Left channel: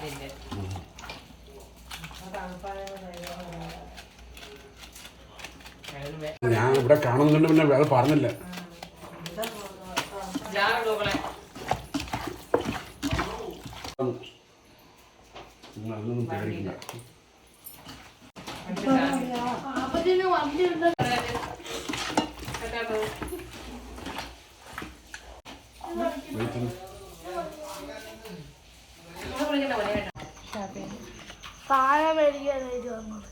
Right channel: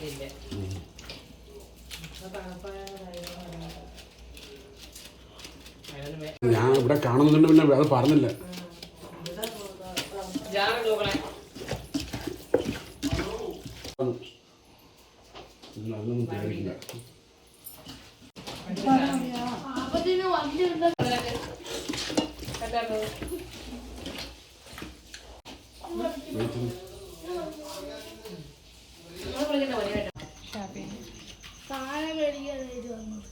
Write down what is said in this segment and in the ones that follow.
അതിന്റെ ഞാൻ ഇവിടെ കാണുന്നുണ്ട് പിന്നെ അത് പറഞ്ഞില്ല. നിങ്ങൾ പാഴ മേടിക്കാനായിട്ട് വന്നത്.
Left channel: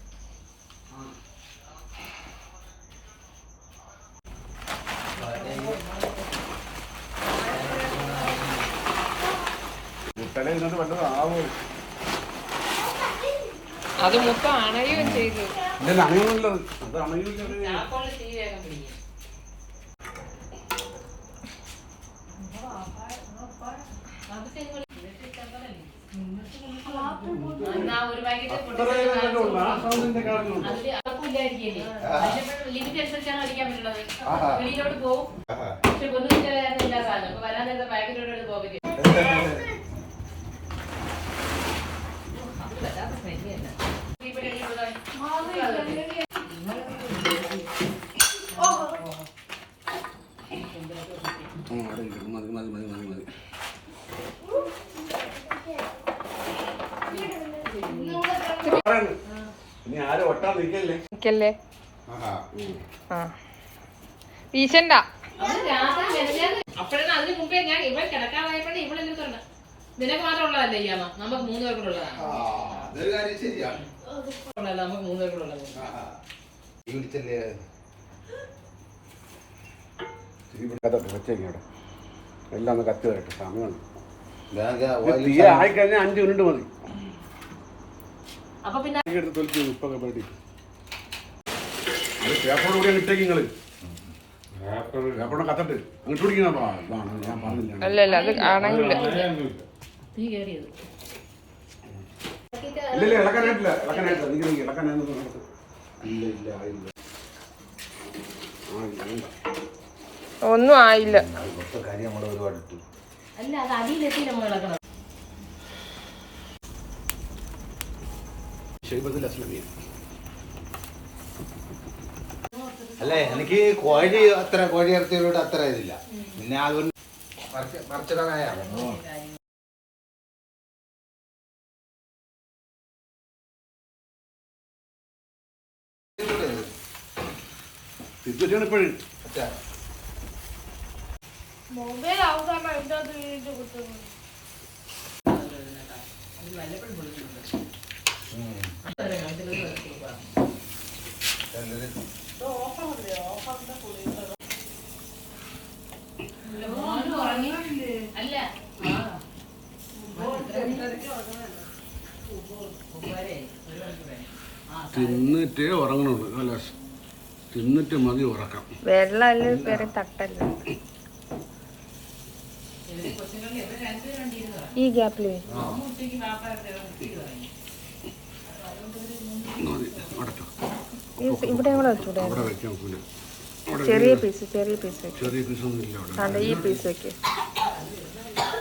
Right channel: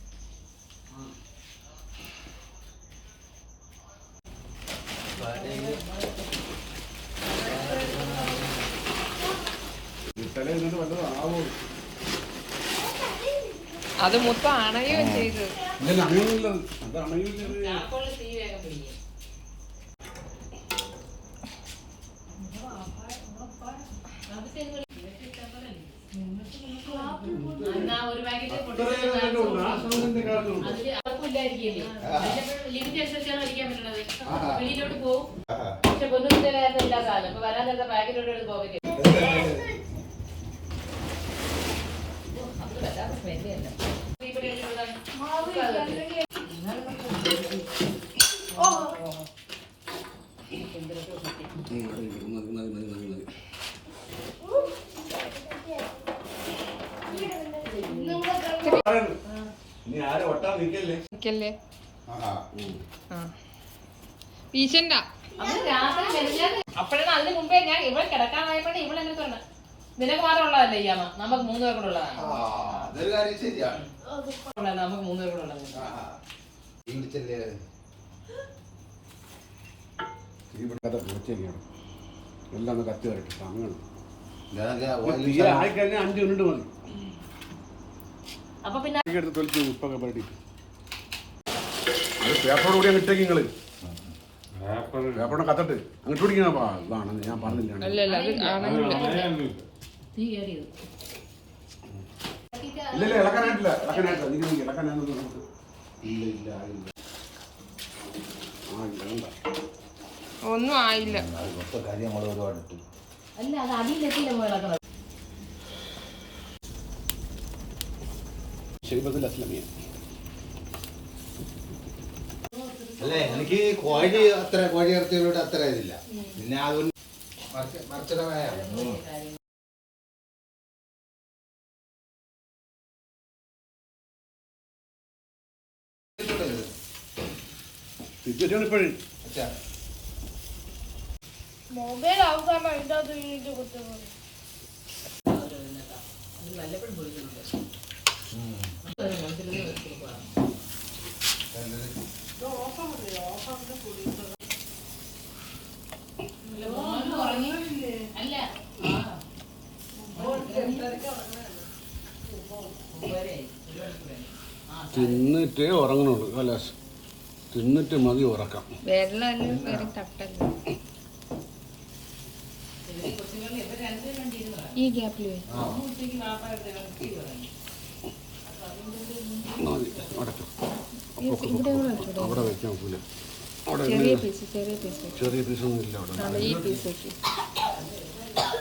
കുട്ടനെ ഇന്നത്തെ വല്ലതും ആവോ? അത് മൊത്തം അണയോ ചെയ്ത് ഇല്ല അണയുന്നില്ല. അത് അണയില്ല വെളിയിലോട്ട് പോവും. പക്ഷെ പൊന്നുകുട്ടിയുടെ കാര്യത്തിൽ ഇല്ല സാധനം. അപ്പൊ വരാൻ നേരത്തെ പാക്കറ്റോട്. അത് വല്ലാത്ത smell തന്നെ. ഇവിടെ ഒരു ഇവിടെ മതി മതി മതി മതി മതി ഇനി ആരും ഒട്ടാൻ നിൽക്കല്ലേ? നിക്കല്ലേ ആഹാ. ഉം. ആ. വീശണ്ട അവൾ രാത്രി മെനഞ്ഞാന്ന് അപ്പോഴാണ് അതിന് മുമ്പേ ഞാൻ ഇവിടെ കിടക്കാറായപ്പോഴേ ഇവിടെ എന്നിട്ട് ഉണ്ട് നിനക്ക് മാത്രം ഉള്ളതല്ലേ ഈ അമ്മ? നമുക്ക് മൂന്ന് പേർക്കുള്ളതാണ് നമുക്ക് മൂന്ന് പേർക്കുള്ളത് എല്ലാം കത്ത് സമയം അഞ്ചു ആയിക്കഴിഞ്ഞാൽ അഞ്ച് മിനിറ്റ് മതി. അപ്പൊ പിന്നെ തീ എടുത്ത് തൊലിച്ച് ഉപ്പൊക്കെ അത് പേപ്പറോട് കൂടി അങ്ങ് ഇട്ടേക്ക് നിങ്ങൾ. പേപ്പറോടെ കത്തട്ട്. അങ്ങോട്ട് പിടിക്കണ. ഇതാണ്. ഞാൻ പറഞ്ഞില്ല. അല്ല അല്ല തീ കയറിയത് ഇല്ല ഇല്ല ഇളക്കാനായിട്ടില്ല. ഇളക്കാനായിട്ടില്ല. നീ നീ ഇളക്കാനായിട്ട് ഇല്ല ഇല്ല ആയില്ല ഇല്ല ഒന്നും ആയില്ല. അല്ല അത് അടിയിലെത്തിയില്ല മോൾ അസ്ലമിയ അല്ല? എനിക്ക് കോഴി അത്ര കോഴി ഇറച്ചിയോട് അത്ര ഇതില്ല. പിന്നെ അതൊരു മറിച്ചിടാനായാണ് തിരിച്ചാണ് ഇപ്പോഴും മൊബൈൽ ആവുക മിനിറ്റ് തിന്നിട്ടേ ഉറങ്ങണുള്ളൂ അല്ല തിന്നിട്ട് മതി ഉറക്കാം. വെള്ളം അല്ല കയറി തട്ടല്ല? ഈ അടുത്ത് ഇവിടെ വെച്ചൂടെ? ചെറിയ പീസ് ചെറിയ പീസ് വെക്കും. ചെറിയ പീസൊന്നും ഇല്ല അവിടെ. താണ്ട ഈ പീസ് വെക്കും.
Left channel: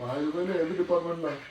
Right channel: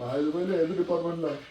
കറിയിൽ ഏത് ഡിപ്പാർട്ട്മെന്റിലാണ്